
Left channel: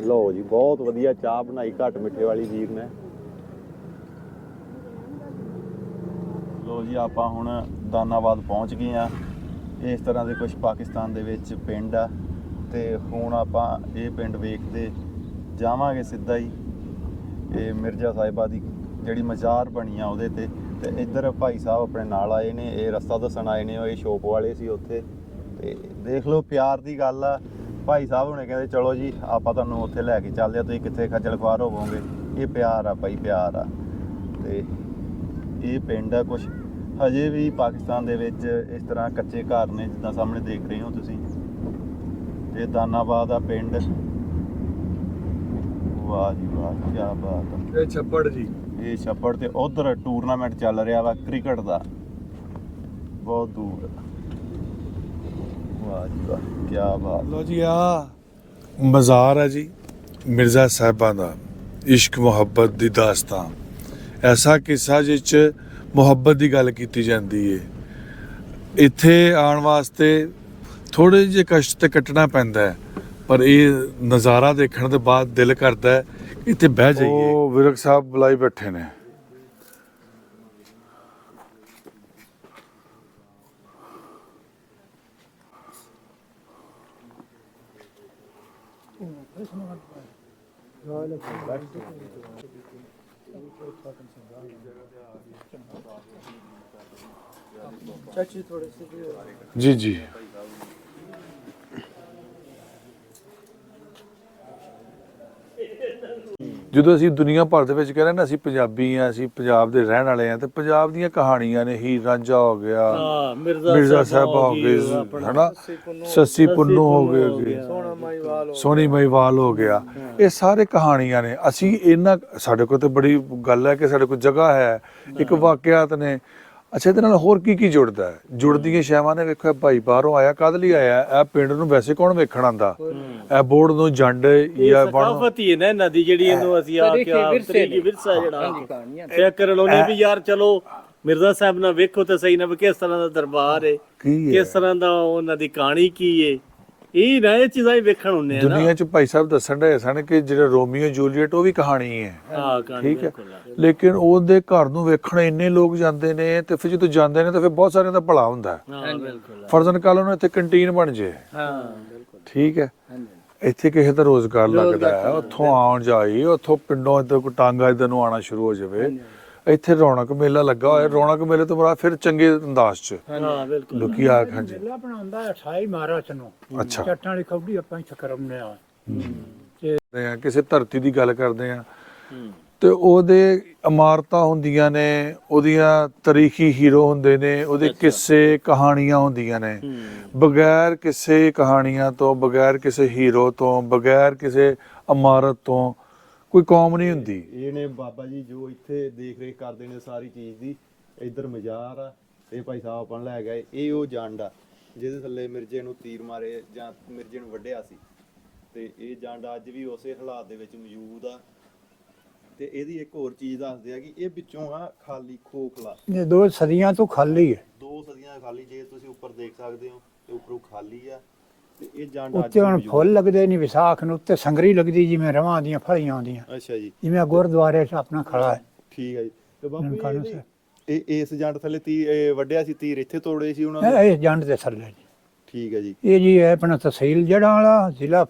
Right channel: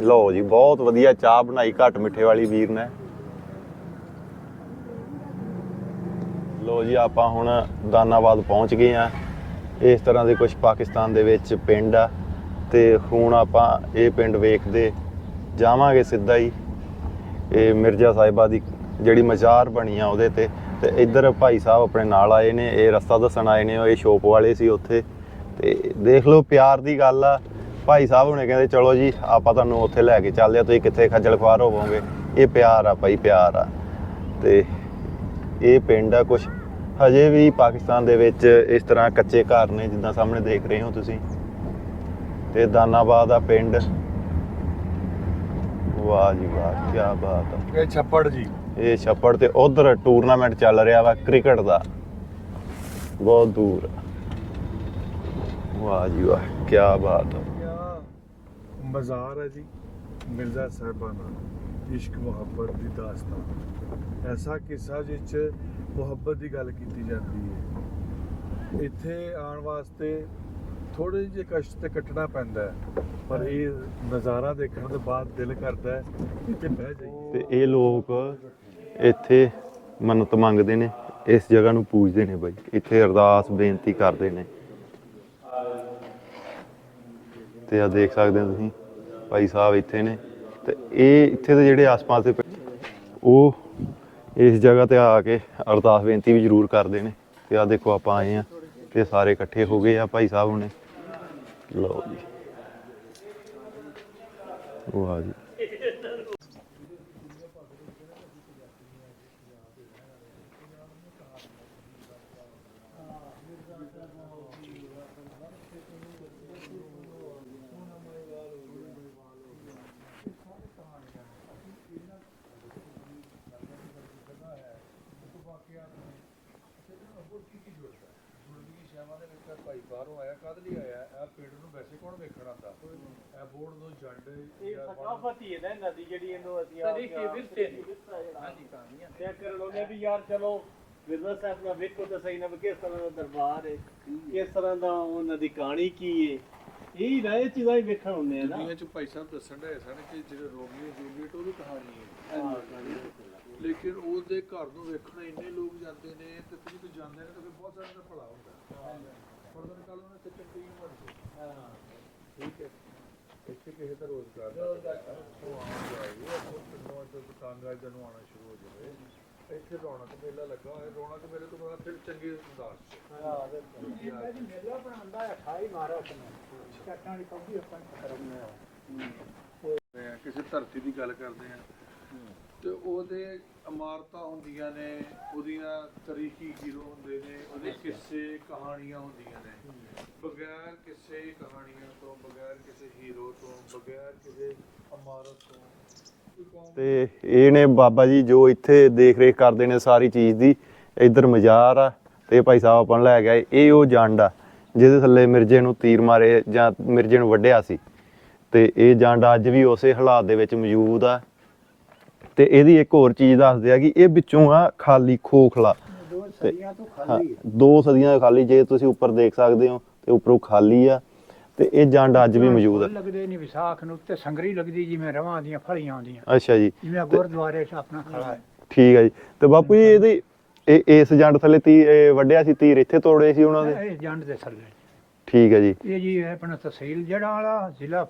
ਲਓ ਜੀ, ਬਹੁਤ ਵਧੀਆ ਚਾਹ ਬਣਾਈ ਘੱਟ ਮਿੱਠੇ ਵਾਲੀ ਵੀਰ ਨੇ। ਲੋ ਜੀ, ਆਪਾਂ ਹੁਣ ਦਾਨਾਬਾਦ ਪਹੁੰਚ ਗਏ ਆ ਇਸ ਤਰ੍ਹਾਂ ਦੇ ਕੁਝ ਪਾਕਿਸਤਾਨ ਦੇ ਵਿੱਚ ਪਿੰਡ ਆ ਤੇ ਹੁਣ ਆਪਾਂ ਇਹ ਪਿੰਡ ਵੇਖਦੇ ਜਾਵਾਂਗੇ ਸਿੱਧਾ ਹੀ। ਇਹ ਮਿਰਜ਼ਾ ਸਾਹਿਬਾ ਦੀ ਜਿਹੜੀ ਮਜ਼ਾਰ ਬਣੀ ਆ ਉਹਦੇ ਤੇ। ਤੇ ਇੱਧਰ ਭਾਈ ਸਾਹਿਬ ਆਪਣੇ ਨਾਲ ਆਏ ਨੇ, ਇਹ ਰਸਤਾ ਦੱਸਣ ਆਏ ਨੇ, ਉਹ ਇਹ ਸ਼ੋਪ ਵਾਲੇ ਸੀ ਉੱਥੇ। ਤੇ ਦੇਖ ਲਓ, ਪਿਆਰ ਦੀ ਗੱਲ ਆ। ਭਾਈ ਸਾਹਿਬ ਹੁਣੇ ਕਹਿੰਦੇ, ਚਲੋ ਜੀ, ਆਪਾਂ ਤੁਹਾਨੂੰ ਉੱਥੇ ਲੈ ਕੇ ਚੱਲਦੇ ਆ ਤੁਸੀਂ ਕਿੱਥੇ ਖੱਜਲ ਖੁਆਰ ਹੋਵੋਗੇ? ਇਹ ਪਿਆਰ ਆ ਭਾਈ, ਪਿਆਰ ਆ। ਤੇ ਇਹ ਪਿੰਡ ਆ ਕੁਝ ਹਜੇ ਵੀ ਪਾਕਿਸਤਾਨ ਦੇ ਵਿੱਚ ਇਸ ਤਰ੍ਹਾਂ ਕੱਚੇ ਘਰ ਨੇ ਜਿੱਦਾਂ ਸਾਹਮਣੇ ਦੇਖ ਰਹੇ ਹੋ ਤੁਸੀਂ। ਤੇ ਦਾਨਾਬਾਦ ਆ ਪਿੰਡ। ਵਾਹ ਜੀ ਵਾਹ ਕੀ ਬਾਤ ਆ। ਇਹ ਛੱਪੜ ਜੀ। ਇਹ ਛੱਪੜ ਤੇ ਉਧਰ ਟੂਰਨਾਮੈਂਟ ਚੱਲ ਰਿਹਾ ਵਾ ਕ੍ਰਿਕਟ ਦਾ। ਬਹੁਤ ਦੂਰ। ਵਾਹ ਜੀ ਵਾਹ ਕੀ ਬਾਤ ਲੋ ਜੀ ਆ ਮਜ਼ਾਰ ਹੈ ਜੀ ਮਿਰਜ਼ਾ ਸਾਹਿਬਾਂ ਦਾ। ਇਸ਼ਕ ਮੁਹੱਬਤ ਦੀ ਦਾਸਤਾਨ। ਐਸਾ ਕਿੱਸਾ ਜਿਸ 'ਚ ਮੁਹੱਬਤ ਦੀ ਗੱਲ ਕੀਤੀ ਜਾਂਦੀ ਹੈ ਇੱਥੇ ਆਉਣ ਵਾਸਤੇ ਥੋੜੇ ਜਿਹੇ ਕਸ਼ਟ ਤੇ ਕੱਟਣਾ ਪੈਂਦਾ ਹੈ ਪਰ ਇਹ ਨਜ਼ਾਰਾ ਦੇਖਣ ਦੇ ਬਾਅਦ ਦਿਲ ਕਰਦਾ ਹੈ ਕਿ ਇੱਥੇ ਬਹਿ ਉਹ ਜਾਈਏ ਇਹ ਵਿਰਕ ਸਾਹਿਬ ਬੁਲਾਈ ਬੈਠੇ ਨੇ। ਇੱਥੇ ਮੰਨਤ ਮੰਗਦੇ ਨੇ ਇਸ ਜਗ੍ਹਾ ਨੂੰ ਪੂਜਦੇ ਨੇ ਬਾਈ। ਇੱਥੇ ਅਰਦਾਸ ਬੇਨਤੀ ਕਰਦੇ ਨੇ। ਤੇ ਆ ਦੇਖ ਸਕਦੇ ਹੋ ਤੁਸੀਂ ਭਾਈ ਸਾਹਿਬ ਇੱਥੇ ਨੇ। ਤੇ ਇਹ ਇੱਥੇ ਦੇ ਜਿਹੜੇ ਆਸ-ਪਾਸ ਦੇ ਉਹ ਇਸ ਜਗ੍ਹਾ ਤੇ ਆ ਕੇ ਅਰਦਾਸ ਬੇਨਤੀ ਵੀ ਜ਼ਰੂਰ ਕਰਦੇ ਨੇ ਤੇ ਆ ਦੇਖੋ ਆਪਾਂ ਆਏ ਆ ਤੇ ਸਾਰੇ ਇਕੱਠੇ ਹੋ ਗਏ। ਆ ਭਾਈ ਸਾਹਿਬ ਹੁਣੇ। ਲਓ ਜੀ। ਵਾਹ ਜੀ। ਜਦੋਂ ਅਸੀਂ ਦੁਨੀਆ ਭਰ ਦੇ ਵਿੱਚ ਕਹਿੰਦੇ ਨਾ ਅਸੀਂ ਪੰਜਾਬੀ ਆ ਅਸੀਂ ਪੰਜਾਬ ਦੇ ਰਹਿਣ ਵਾਲੇ ਆ ਤੇ ਪੰਜਾਬ ਦੀਆਂ ਕਹਾਣੀਆਂ ਨੇ ਹੀਰ ਰਾਂਝਾ ਹੋ ਗਿਆ ਹਾਂ ਮਿਰਜ਼ਾ ਸਾਹਿਬ ਹੋ ਗਏ ਹਨਾ? ਸੱਸੀ ਪੁੰਨੂ ਹੋ ਗਏ ਸੋਨੀ ਮਹੀਵਾਲ ਹੋ ਗਿਆ। ਇਹ ਸਾਰੇ ਕਹਾਣੀਆਂ ਨੇ। ਅਸੀਂ ਇਹਨਾਂ ਸਾਡੇ ਕੋਲ ਤੇ ਬੜੀ ਗੱਲ ਹੈ ਕਿ ਸਾਡੇ ਕੋਲ ਜਗ੍ਹਾ ਹੈ। ਇੱਕ ਵਾਕਿਆਤ ਨੇ। ਅੱਛਾ ਇਹਦੇ ਨਾਲ ਹੋਰ ਕੀ ਕੀ ਜੁੜਦਾ ਹੈ? ਜੁੜਦੀਆਂ ਸ਼ੈਵਾਂ ਨੇ ਵੇਖੋ ਭਾਈ ਬਾਹਰੋਂ ਆਇਆ ਕਦ ਲਈ ਆਇਆ ਇਹ ਪਿੰਡ ਨੂੰ ਵੈਸੇ ਕੌਣ ਵੇਖਣ ਆਂਦਾ ਇਹ ਬੋਰਡ ਨੂੰ ਜੰਡ ਜਾਂ ਬਣ। ਸਕਾਫਤ ਹੀ ਹੈ ਨਾ ਨਦੀ ਜਿਹੜੀ ਇਹਨੂੰ ਅਸੀਂ ਆ ਕੇ ਆ ਤਰੀਕੀ ਵਿਰਸਾ ਜਿਹੜਾ। ਚੈੱਕ ਕਰ ਲਓ ਨਹੀਂ ਵੀ ਯਾਰ ਚਲੋ ਮਿਰਜ਼ਾ ਸਾਹਿਬ ਨਾਲ ਵੇਖੋ ਤੇ ਸਹੀ ਨਾ ਕਿਸ ਤਰ੍ਹਾਂ ਦਾ ਦਰਬਾਰ ਹੈ ਕਿਸ ਤਰ੍ਹਾਂ ਦਾ ਉਹਨਾਂ ਦੀ ਕਹਾਣੀ ਕੀ ਹੈ ਇਹ ਨਾ ਇਹ ਚੀਜ਼ਾਂ ਹੀ ਵੇਖਣ ਹੁੰਦੇ ਆ ਨਾ। ਦੁਨੀਆ 'ਚ ਭਾਈ ਸਾਹਿਬ ਦੱਸਣ ਦੇ ਸਨ ਕਿ ਜਿਹੜਾ ਰੋਮੀਓ ਜੂਲੀਅਟ ਉਹ ਵੀ ਕਹਾਣੀ ਹੈ। ਹਾਂ ਕਹਾਣੀ ਠੀਕ ਹੈ। ਲੇਕਿਨ ਉਹਦੇ ਘਰ ਨੂੰ ਵੇਖਣ ਇੰਨੇ ਲੋਕ ਜਾਂਦੇ ਨੇ ਤੇ ਫਿਰ ਜਦੋਂ ਜਾਂਦੇ ਨੇ ਤਾਂ ਫਿਰ ਬਹੁਤ ਸਾਰਿਆਂ ਦਾ ਭਲਾ ਹੁੰਦਾ ਹੈ। ਬਿਲਕੁਲ ਫਰਜ਼ਨ ਕੱਲ ਨੂੰ ਇੱਥੇ ਕੰਟੀਨ ਬਣ ਜੇ। ਹਾਂ ਠੀਕ ਹੈ। ਇੱਥੇ ਕਿਸੇ ਦਾ ਰੋਜ਼ਗਾਰ ਲੱਗਦਾ ਹੈ ਉੱਥੋਂ ਆਉਣ ਜਾਈ ਉੱਥੋਂ ਪਿੰਡੋਂ ਇੱਧਰ ਕੋ ਟਾਂਗਾ ਇੱਧਰ ਨੂੰ ਆਣਾ ਸ਼ੁਰੂ ਹੋ ਜਾਵੇ। ਇੱਥੇ ਰੌਣਕ ਮੇਲਾ ਲੱਗਾ ਹੋਇਆ। ਰੌਣਕ ਮੇਲੇ ਤੋਂ ਬਾਅਦ ਫਿਰ ਚੰਗੇ ਅੰਦਾਜ਼ 'ਚ। ਹਾਂ ਬਿਲਕੁਲ। ਲੋਕੀ ਆ ਹਾਂਜੀ। ਮੇਲਾ ਬਣਾਉਂਦਾ ਹੈ 28 ਮਾਰਚ ਨੂੰ। ਅੱਛਾ। ਚੱਟਾਂ ਵਾਲੀ ਕਬੱਡੀ ਆਪਾਂ ਇੱਥੇ ਕਰਾਉਂਦੇ ਆ ਆ ਕਿਸੇ ਧਰਤੀ ਦੀ ਗੱਲ ਕਰਦੇ ਆ ਤੇ ਉਹਦੇ ਇਮਾਰਤਾਂ ਹੁੰਦੀਆਂ ਨੇ ਉਹਦੀਆਂ ਤਾਰੀਖੀ ਹੀਰੋ ਹੁੰਦੇ ਨੇ ਉਹਦੇ ਕਿੱਸੇ ਕਹਾਣੀਆਂ ਹੁੰਦੀਆਂ ਨੇ। ਬਗੈਰ ਕਿਸੇ ਕਹਾਣੀਆਂ ਤੋਂ ਬਗੈਰ ਕਿਸੇ ਹੀਰੋ ਤੋਂ ਬਗੈਰ ਕਿਸੇ ਇਮਾਰਤ ਤੋਂ ਕੋਈ ਕੌਮ ਨਹੀਂ ਹੁੰਦੀ। ਇਹ ਨੇ ਬਾਬਾ ਜੀ ਜੋ ਇੱਥੇ ਦੇਖ ਰੇਖ ਕਰਦੇ ਨੇ ਸਾਰੀ ਚੀਜ਼ ਦੀ ਇੱਧਰ ਮਜ਼ਾਰ ਆ ਤੇ ਭਾਈ ਸਾਹਿਬ ਆਪਾਂ ਨੂੰ ਲੈ ਗਏ ਇਹ ਉਹ ਜੰਡ ਆ ਜਿਹਦੇ ਥੱਲੇ ਮਿਰਜੇ ਨੂੰ ਤੀਰ ਮਾਰੇ ਜਾਂ ਮਿਰਜੇ ਨੂੰ ਵੱਢਿਆ ਸੀ। ਤੇ ਇਹ ਜੰਡ ਅੱਜ ਵੀ ਉਸੇ ਹਾਲਾਤ ਦੇ ਵਿੱਚ ਮੌਜੂਦ ਆ। ਤੇ ਇਹਦੀ ਇੱਕ ਹੋਰ ਚੀਜ਼ ਦੱਸਦੇ ਆ ਕਿ ਇਹ ਵਿੱਚੋਂ ਆ ਖਾਲੀ ਖੋਖਲਾ। ਇਹ ਦੋ ਸਦੀਆਂ ਤੋਂ ਖਾਲੀ ਹੈ ਦੋ ਸਦੀਆਂ ਦਾ ਖਾਲੀ ਜੇ ਤੁਸੀਂ ਉੱਪਰ ਦੇਖ ਸਕਦੇ ਹੋ ਤੇ ਉੱਪਰੋਂ ਖਾਲੀ ਆ। ਤੇ ਇਹ ਜੰਡ ਅੱਜ ਵੀ ਮੌਜੂਦ ਫੁੱਲ ਲੱਗਦੇ ਨਹੀਂ ਵਿਸਾਖ ਨੂੰ ਉੱਤੇ ਸੰਗਰੀ ਲੱਗਦੀ ਜਿਵੇਂ ਰਵਾਂ ਦੀਆਂ ਫਲੀਆਂ ਆਉਂਦੀਆਂ। ਅੱਛਾ ਜੀ। ਜਿਵੇਂ ਗੁਰਦੁਆਰੇ 'ਚ ਆਪਣਾ ਖੜਾ ਹੈ। ਠੀਕ ਹੈ ਜੀ। ਤੇ ਬਾਪੂ ਜੀ ਇਹਦੀ ਇਹ ਇਸ ਜੰਡ ਥੱਲੇ ਤੀ ਇਹ ਵੱਢਿਆ ਸੀ ਤੀਰ ਇੱਥੇ ਤੋੜੇ ਸੀ ਉਹਨਾਂ ਨੇ? ਇਹ ਇਹ ਜੰਡ ਦੇ ਥੱਲੇ ਜੀ। ਠੀਕ ਹੈ ਜੀ। ਇਹ ਜੀ ਹੈ ਆਪਣਾ ਤਹਿਸੀਲ ਜੜਾਂ ਵਾਲਾ ਜ਼ਿਲ੍ਹਾ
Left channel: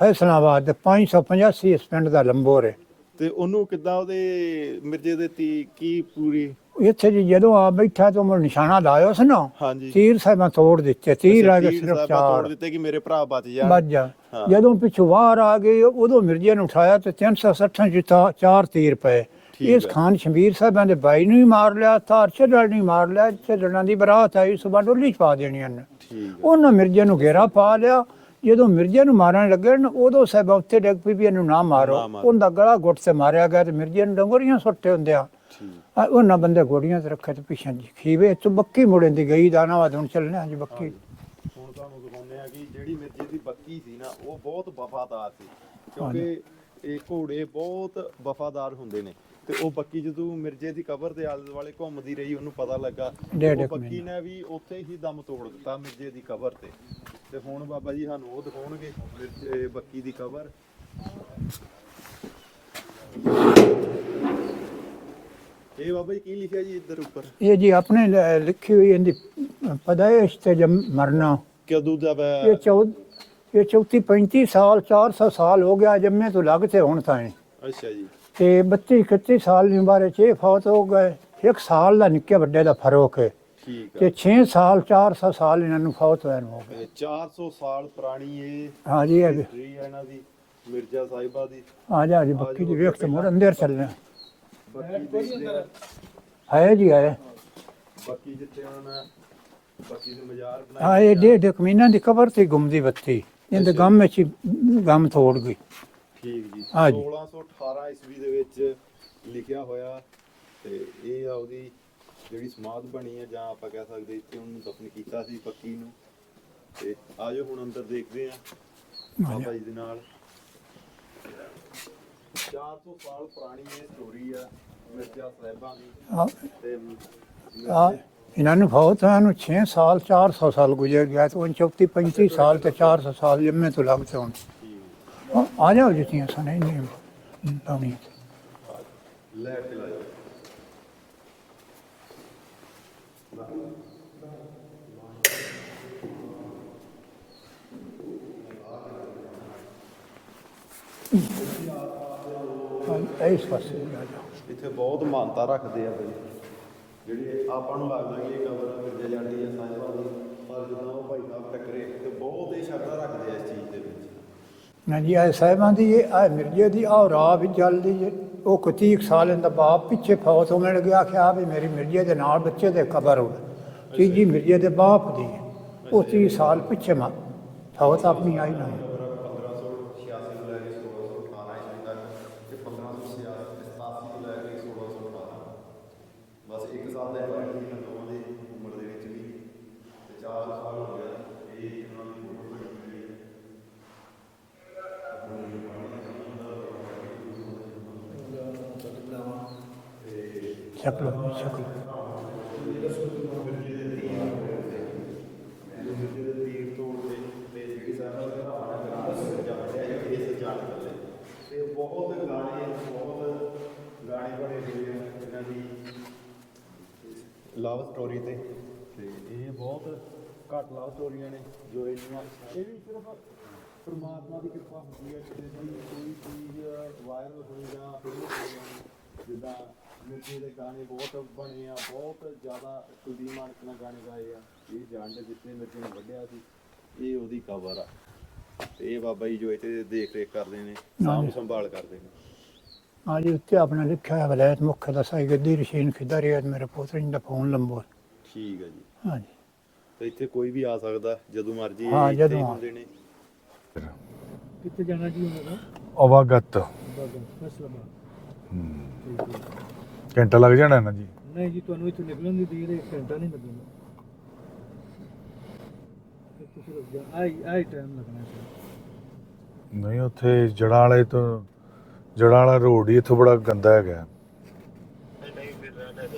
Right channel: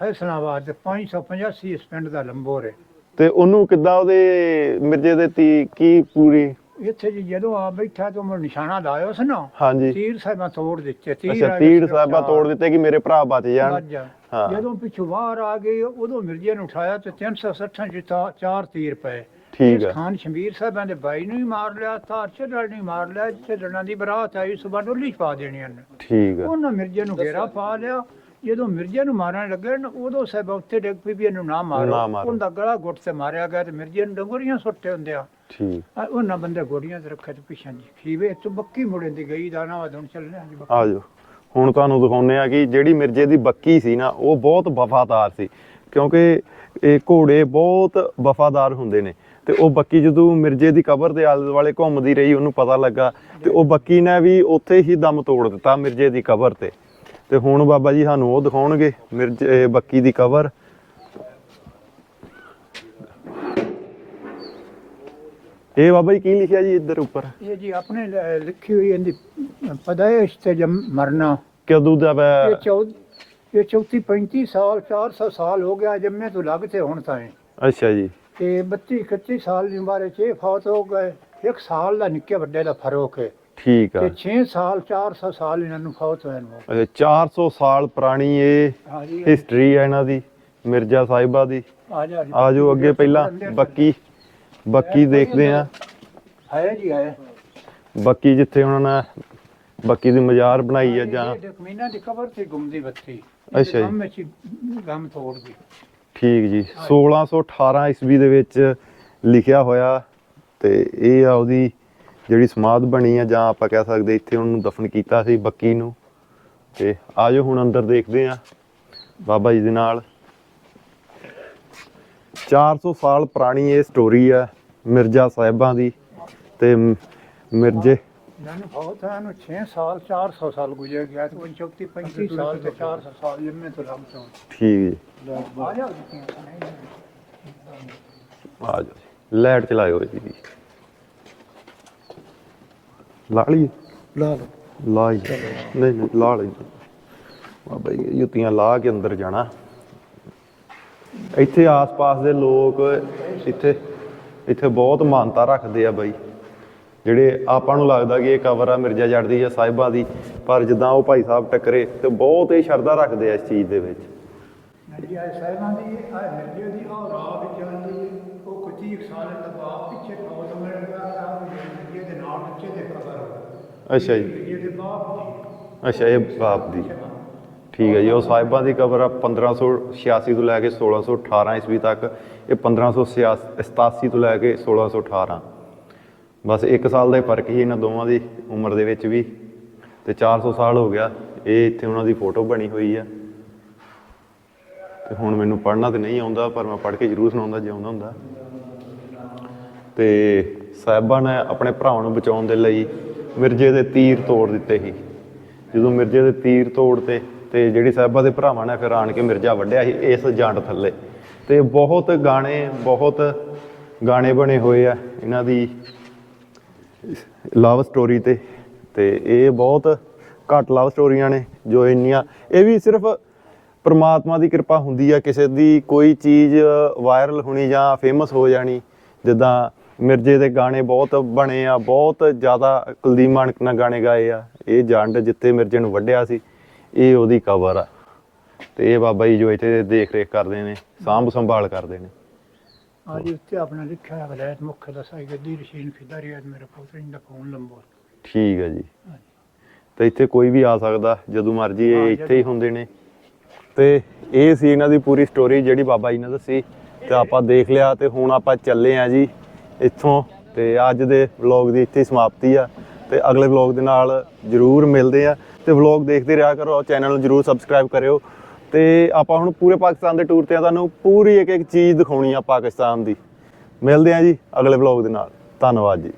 ਫੈਸਲਾਬਾਦ ਦੇ 585 ਇਸ ਪਿੰਡ ਦਾ ਲੰਬੋਰ ਹੈ। ਤੇ ਉਹਨੂੰ ਕਿੱਦਾਂ ਉਹਦੇ ਮਿਰਜੇ ਦੇ ਤੀ ਕੀ ਪੂਰੀ ਇੱਥੇ ਜੀ ਜਦੋਂ ਆ ਬੈਠਾ ਤਾਂ ਉਹ ਨਿਸ਼ਾਨਾ ਲਾਇਓ ਸੀ ਨਾ ਹਾਂਜੀ। ਤੀਰ ਸਾਹਿਬਾਂ ਤੋੜ ਦਿੱਤੇ ਤੀਰ ਆ ਗਏ ਤੀਰ ਸਾਹਿਬਾ। ਤੋੜ ਦਿੱਤੇ ਕਿ ਮੇਰੇ ਭਰਾ ਬਚ ਜਾਣ। ਬਚ ਜਾ। ਹਾਂ। ਜਦੋਂ ਪਿੱਛੋਂ ਬਾਹਰ ਆ ਗਏ ਉਦੋਂ ਮਿਰਜ਼ੇ ਨੂੰ ਉਠਾਇਆ ਤੇ 360 ਜਿੱਤਾ ਚਾਰ ਤੀਰ ਪਏ। ਇਸ ਹੈ। ਖਾਨ ਸ਼ਮੀਰ ਸਾਹਿਬਾਂ ਦੇ ਬਾਈ ਨੂੰ ਵੀ ਮਾਰ ਲਿਆ ਤਾਰ ਛੱਡਣ ਨਹੀਂ ਮਾਰ ਲਿਆ ਛੱਡਣਾ ਦੀ ਬਰਾਤ ਆਈ ਸੁਬਾਹ ਡੋਲੀ ਚ ਪਾ ਦੇਣੀ ਉਹਨੇ ਠੀਕ ਹੈ ਉਹਨਾਂ ਮਿਰਜ਼ੇ ਨੂੰ ਘੇਰਾ ਪਾ ਲਿਆ। ਜਦੋਂ ਮਿਰਜ਼ੇ ਨੂੰ ਮਾਰਨ ਲੱਗੇ ਨਾ ਉਦੋਂ ਸਾਹਿਬ ਉੱਤੇ ਡਿੱਗ ਪਈ ਵੀ ਇਹਨੂੰ ਨਾ ਮਾਰੋ ਨਾ ਮਾਰੋ। ਉਹਦਾ ਗਲਾ ਗੁੱਟ ਤੇ ਮਾਰਿਆ ਗਿਆ ਤੇ ਮਿਰਜ਼ੇ ਨੂੰ ਡੰਗੋਰੀਆਂ ਸੁੱਟੇ ਹੁੰਦੇ ਆ। ਠੀਕ। ਆ ਉਹਨਾਂ ਬੰਦੇ ਗੋੜੀਆਂ ਤੇ ਰੱਖੇ ਤੇ ਪਿੱਛੇ ਜੀ ਖੀਵੇ ਚ ਬੱਕੀ ਮੁੜਨ ਦੀ ਗਈ ਦਾਣਾ ਵਾ ਹੁਣ ਚੱਲਣੇ ਆ ਜੀ ਬੱਕੀ। ਆ ਜਾਓ ਹੁਣ ਤੁਹਾਨੂੰ ਦਿਖਾਉਂਦੇ ਆ ਕਿ ਜਿਹੜੀ ਮਿਰਜੇ ਦੀ ਬੱਕੀ ਸੀ ਨਾ ਉਹ ਬਹੁਤ ਵਫਾਦਾਰ ਸੀ ਕਿਉਂਕਿ ਇਹ ਘੋੜੇ ਬਹੁਤ ਵਫਾਦਾਰ ਹੁੰਦੇ ਨੇ। ਤੇ ਉਹ ਬੱਕੀ ਜਦੋਂ ਮਿਰਜੇ ਦੀ ਕਬਰ ਦੇ ਆਲੇ ਦੁਆਲੇ ਘੁੰਮਦੀ ਰਹੀ ਉਹਨੂੰ ਪਤਾ ਲੱਗਾ ਕਿ ਉਹ ਬੱਕੀ ਨੇ ਵੀ ਉੱਥੇ ਹੀ ਦਮ ਤੋੜ ਦਿੱਤਾ ਮਿਰਜੇ ਦੀ ਕਬਰ ਤੇ। ਤੇ ਹੁਣ ਬਾਬਾ ਜੀ ਸਾਨੂੰ ਉਹ ਦਿਖਾਉਣਗੇ ਮਿਰਜੇ ਬੱਕੀ ਦੀ ਕਬਰ। ਇਹ ਬਾਬਾ ਜੀ ਕੀ ਲਿਖਿਆ ਜੀ ਇੱਧਰ ਉੱਪਰ? ਇਹ ਜੀ ਆਪਣੇ ਲ- ਲਿਖੀ ਹੋਈ ਇਹਦੀ ਪਦਾਇਸ਼ ਤੇ ਜਮ ਮਰਨਾ। ਕਦੋਂ ਦਾ ਇਹ ਵੈ- ਚੌ ਇਹ 34 35 ਸਾਲ 400 ਸਾਲ ਹੋ ਗਿਆ ਜੰਮੇ ਤੋਂ ਲੱਗ ਤੇ ਹੁਣ ਤਾਂ ਅੱਛਾ ਜੀ। ਤੇ 32 31 ਸਾਲ ਦੀ ਉਮਰ ਚ ਇਹ ਫੌਤ ਹੋ ਗਏ। ਇੱਕ ਸਾਲ ਦਾ ਨਿੱਕੇ ਵੱਡੇ ਦਾ ਫ਼ਰਕ ਹੈ। ਠੀਕ ਆ। ਤੇ 6 ਸਾਲ 400 ਸਾਲ ਇਹਨਾਂ ਨੂੰ ਫੌਤ ਹੋਇਆ ਨੂੰ ਅੱਛਾ 400 ਸਾਲ ਪੁਰਾਣੀ ਇਹ ਹਾਂ ਜੀ ਹਿਸਟਰੀ ਹੈ ਇਹਨਾਂ ਦੀ ਮਿਰਜ਼ਾ ਸਾਹਿਬਾ ਦੀ। ਆ ਜਾ ਜੀ ਆਜੋ ਅੱਗੇ ਪਹਿਲਾਂ ਅੰਦਰ। ਬੱਕੀ ਬੱਕੀ ਦੇਖਦੇ ਆ ਹੈ। ਜੀ ਹੈ ਬੱਕੀ ਜਿੱਥੇ ਉਹਨਾਂ ਨੇ ਬੱਕੀ ਦੀ ਮਜ਼ਾਰ ਬਣਾਈ ਹਾਂ ਹੈ ਇਹ ਜਾਂ ਦੇ ਦੇ ਕਮੀਨਾ ਦੀ ਕਬਰ ਤੇ ਗੁੰਮਦੀ ਬੱਤੀ। ਅੱਛਾ ਇਹਦੇ ਜੀ। ਗਮ ਵਿੱਚ ਗਮ ਤੋੜ ਗਈ। ਠੀਕ ਜੀ। ਹਾਂ ਜੀ। 1618 ਈਸਵੀ ਦੇ ਵਿੱਚ ਲਿਖਿਆ ਹੋਇਆ ਤੇ ਇਹ ਆ ਉਹਦੀ ਜਿਹੜੀ ਸਮਾਧ ਬਣੀ ਆ ਜਾਂ ਆਪਾਂ ਕਹਿ ਸਕਦੇ ਇੱਥੇ ਉਹਨੂੰ ਦਫਨ ਕੀਤਾ ਸੀ ਬੱਕੀ ਨੂੰ। ਤੇ ਆਜੋ ਹੁਣ ਅੰਦਰ ਦੇਖਦੇ ਆ ਬਾਬਾ ਜੀ ਦੇ ਨਾਲ। 400 ਸਾਲ ਪੁਰਾਣੀ ਇਹ ਸਟੋਰੀ ਆ ਮਿਰਜ਼ਾ ਸਾਹਿਬਾਂ ਦੀ ਹਾਂ। ਤੇ ਮ- ਮਿਰਜ਼ੇ ਇਹਨਾਂ ਨੂੰ ਬਹੁਤ ਨੂੰ 6 ਸਾਲ 400 ਸਾਲ ਗੁਜ਼ਰ ਗਿਆ ਤੇ ਉਹ 34 35 ਸਾਲ ਤੇ 400 ਸਾਲ ਜੰਮੇ ਤੋਂ ਲੱਗ ਹੁਣ। ਠੀਕ ਜੀ। ਆ- ਜਾਓ ਜਿੱਤੀਆਂ ਸਣੇ ਨਹੀਂ ਤਾਂ ਵੀ। ਆ ਜਾਓ ਲਾਈਟ ਚਲਾਇਓ ਜੀ ਲਾ ਲਈ ਲਾ ਲਾ ਹੀ। ਨਹੀਂ ਨਹੀਂ ਲਾ ਲਈ ਬਾਬਾ ਜੀ ਜੁੱਤੀਆਂ ਲਾ ਕੇ ਅੰਦਰ ਜਾਣਾ। ਇੱਥੇ ਆਸ-ਪਾਸ ਦੇ ਲੋਕ ਇੱਥੇ ਇੱਥੇ ਬਹੁਤ ਮਾਨਤਾ ਰੱਖਦੇ ਆ ਬਾਈ ਜਿਹੜੇ ਆਪਾਂ ਨੂੰ ਲੱਗਦਾ ਕਿ ਇਹ ਕਬਰ ਆ ਮਿਰਜ਼ਾ ਜੱਟ ਦੀ ਜਾਂ ਸਾਹਿਬਾਂ ਦੀ ਪਰ ਜਿੱਦਾਂ ਉਹ ਭਾਈ ਸਾਹਿਬ ਟੱਕਰੇ ਤੇ ਬਹੁਤ ਹੀ ਸ਼ਰਧਾ ਰੱਖਦੇ ਆ ਇਸ ਚੀਜ਼ ਦੇ ਵਿੱਚ ਨਾ ਜੀ ਇਹ ਸਾਹਿਬਾਂ ਦੀ ਇਹ ਆ ਮਿਰਜੇ ਦੀ ਆ ਰਾਹ ਵੀ ਚੱਲਦੀ ਹੈ ਉਹ ਕਤੀਕ ਸਾਲ ਇਹਦਾ ਬਾਪ ਪਿੱਛੇ ਫੌਤ ਹੋ ਮਿਲ ਗਿਆ ਕਿ ਆ ਵੀ ਮੇਰੀ ਮਿਰਜੇ ਦੇ ਨਾਲ ਬੱਚੇ ਦੇ ਕਬਰ ਹੋ ਅੱਛਾ ਜੀ। ਮਿਰਜੇ ਦੇ ਬਾਪ ਦੀ। ਅੱਛਾ, ਇਹ 30 ਸਾਲ ਬਾਪ ਦੀ। ਪਿੱਛੇ ਮਾ ਠੀਕ ਹੈ ਜੀ ਉਹ ਸਾਹਿਬਾਂ ਦੀ ਕਬਰ ਆ 1586 ਤੋਂ ਲੈ ਕੇ 1618 ਈਸਵੀ ਤੱਕ ਇਹ 1587 ਤੋਂ ਲੈ ਕੇ 1618 ਬਸ 1 ਸਾਲ ਦਾ ਹੀ ਫ਼ਰਕ ਸੀ ਇਹਨਾਂ ਦੋਵਾਂ ਦੀ ਉਮਰ ਦੇ ਵਿੱਚ ਵੀ ਤੇ 400 ਸਾਲ ਹੋ ਗਿਆ ਇਹ ਇੱਥੇ ਉਹਨਾਂ ਦੀ ਫੋਟੋ ਬਣੀ ਹੋਈ ਆ। ਤੇ ਹੁਣ ਮੈਨੂੰ ਪੜ੍ਹਨਾ ਤੇ ਨਹੀਂ ਆਉਂਦਾ ਪਰ ਮੈਂ ਪੜ੍ਹ ਕੇ ਜ਼ਰੂਰ ਸੁਣਾਉਂਦਾ ਜੇ ਆਉਂਦਾ ਹੁੰਦਾ। ਤੇ ਸਾਹਿਬਾਂ ਨੇ ਆਪਣੇ ਭਰਾਵਾਂ ਨੂੰ ਬਚਾਉਣ ਦੇ ਲਈ ਮਿਰਜ਼ੇ ਦੇ ਤੀਰ ਤੋੜ ਦਿੱਤੇ ਸੀ। ਜਦੋਂ ਮਿਰਜ਼ੇ ਦੇ ਤੀਰ ਤੋੜਤੇ ਤੇ ਜਿਹੜੀ ਸਾਹਿਬਾਂ ਦੇ ਭਰਾਵਾਂ ਨੇ ਫਿਰ ਆਣ ਕੇ ਮਿਰਜ਼ਾ ਵੱਢਿਆ ਸੀ ਇਸ ਜੰਡ ਥੱਲੇ। ਤੇ ਬਹੁਤ ਗਾਣੇ ਬਹੁਤ ਗਾਣੇ ਬਣੇ ਹੋਏ ਆ ਇਹਨਾਂ ਦੀ ਲਵ ਸਟੋਰੀ ਤੇ। ਤੇ ਇਹ ਬਹੁਤ ਘੱਟ ਲਵ ਸਟੋਰੀਆਂ ਨੇ ਜੋ ਇੰਨੀਆਂ। ਇਹ ਵੀ ਸਿਰਫ ਪਰਮਾਤਮਾ ਦੀ ਕਿਰਪਾ ਹੁੰਦੀ ਆ, ਕਿਸੇ ਦੀ ਕੋਈ ਚੀਜ਼ ਵਾਇਰਲ ਹੋਣੀ ਜਾਂ ਫੇਮਸ ਹੋ ਜਾਣੀ, ਜਿੱਦਾਂ ਮਿਰਜੇ ਦੇ ਗਾਣੇ ਬਹੁਤ ਬਣੇ ਆ, ਬਹੁਤ ਜ਼ਿਆਦਾ ਕੁਲਦੀਪ ਮਾਨਕ ਨਾਲ ਗਾਣੇ ਗਾਏ ਆ। ਇਹ ਜੰਡ ਜਿੱਥੇ ਮਿਰਜੇ ਨੂੰ ਵੱਢਿਆ ਸੀ। ਇਹ ਉਹਦੀ ਕਬਰ ਆ। ਤੇ ਇਹ ਬਾਬਾ ਜੀ ਜੋ ਇੱਥੇ ਦੇਖ ਰੇਖ ਕਰਦੇ ਨੇ ਸਾਂਭ ਸੰਭਾਲ ਕਰਦੇ ਨੇ। ਹਾਂ ਜੀ ਉੱਤੇ ਆਪਣਾ ਲਿਖਿਆ ਹੈ ਵਲਾਇਤ ਮੁੱਖ ਦਾ ਸਾਈ ਗੱਦੀ ਰਸ਼ੀਨ ਫਿਦਾ ਰਿਆਦ ਮੇਰੇ ਪੁੱਤਰ ਜੀ ਦਾ ਫੋਨ ਲੰਬੋ। ਠੀਕ ਹੈ ਜੀ। ਹਾਂ ਜੀ। ਤੇ ਇੱਥੇ ਕੋਈ ਵੀ ਆ ਸਕਦਾ ਜਦੋਂ ਮਰਜ਼ੀ ਇਹ ਇੱਥੇ ਹੀ ਹੁੰਦੇ ਨੇ। ਤੇ ਇਹ ਸੀ ਇਹਨਾਂ ਦੀ ਪੂਰੀ ਸਟੋਰੀ ਜਿਹੜੀ ਬਾਬਾ ਜੀ ਨੇ। ਦੱਸੀ। ਤੇ ਆਪਾਂ ਦੇਖ ਲਿਆ ਤੇ ਹੁਣ ਆਪਾਂ ਚੱਲੇ ਆ ਜੀ ਇੱਥੋਂ ਘੰਟਾ ਲੱਗ ਤੇ ਜਾਣਾ। ਅੱਜ ਦੇ ਵਲੌਗ ਦੀ ਇੱਥੇ ਹੀ ਸਮਾਪਤੀ ਆ ਤੇ ਅਗਲੇ ਵਲੌਗ ਦੇ ਨਾਲ ਜਰੂਰ ਮਿਲਦੇ ਆ ਤੇ ਵਲੌਗ ਦੇਖਦੇ ਰਿਹਾ ਕਰੋ ਚੈਨਲ ਨੂੰ ਜਰੂਰ ਸਬਸਕ੍ਰਾਈਬ ਕਰਿਓ ਤੇ ਆਪਾਂ ਹੁਣ ਪੂਰੇ ਪਾਕਿਸਤਾਨ ਦੇ ਟੂਰ ਤੇ ਤੁਹਾਨੂੰ ਪੂਰੀ ਇੱਕ ਇੱਕ ਚੀਜ਼ ਦਿਖਾਉਣੀ ਆ ਜਲਾਲਾ ਰੋਡ ਪਾਕਿਸਤਾਨ ਇੱਥੋਂ ਦੀ ਬੜਾ ਗੰਦਾ ਹੈ ਮਿਲਦੇ ਆ ਜੀ ਅਗਲੇ ਵਲੌਗ ਦੇ ਨਾਲ। ਧੰਨਵਾਦ ਜੀ।